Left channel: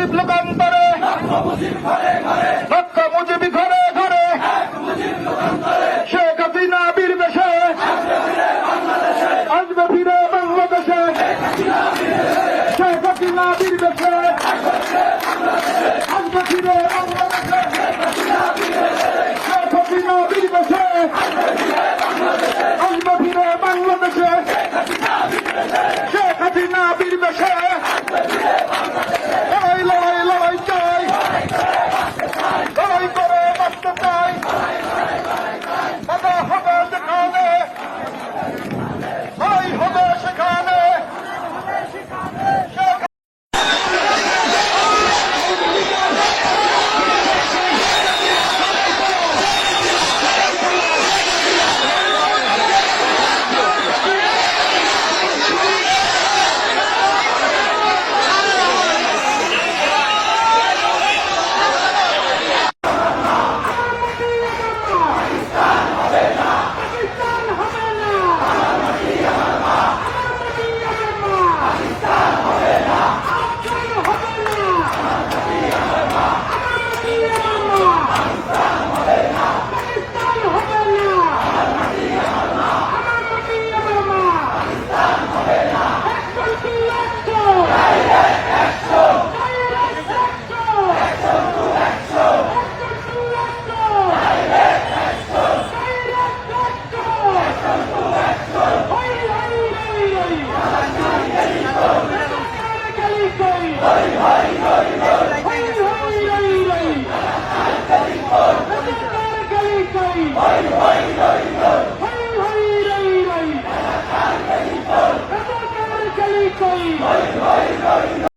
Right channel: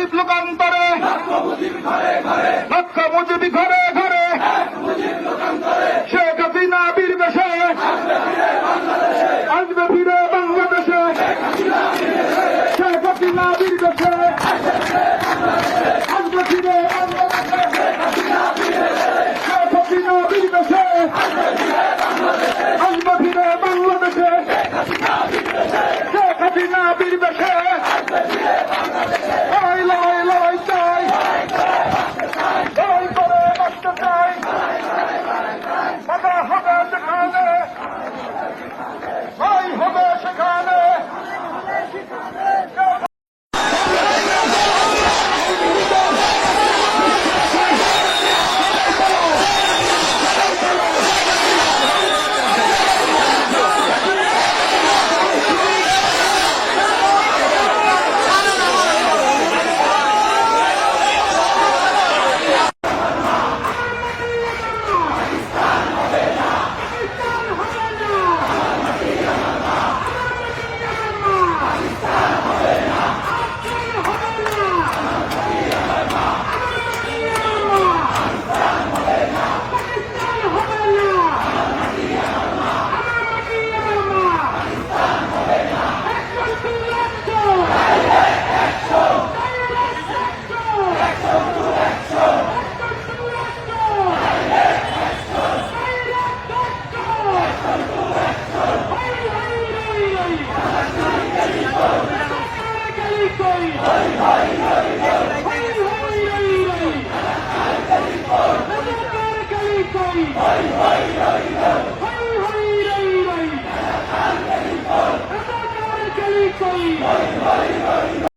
মুজিব লোকান্তরে, লক্ষ মুজিব ঘরে ঘরে, শেখ হাসিনা বীর বেশে আসবে ফিরে বাংলাদেশে, শেখ হাসিনা বীর বেশে আসবে ফিরে বাংলাদেশে, শেখ হাসিনা বীর বেশে আসবে ফিরে বাংলাদেশে, শেখ হাসিনা বীর বেশে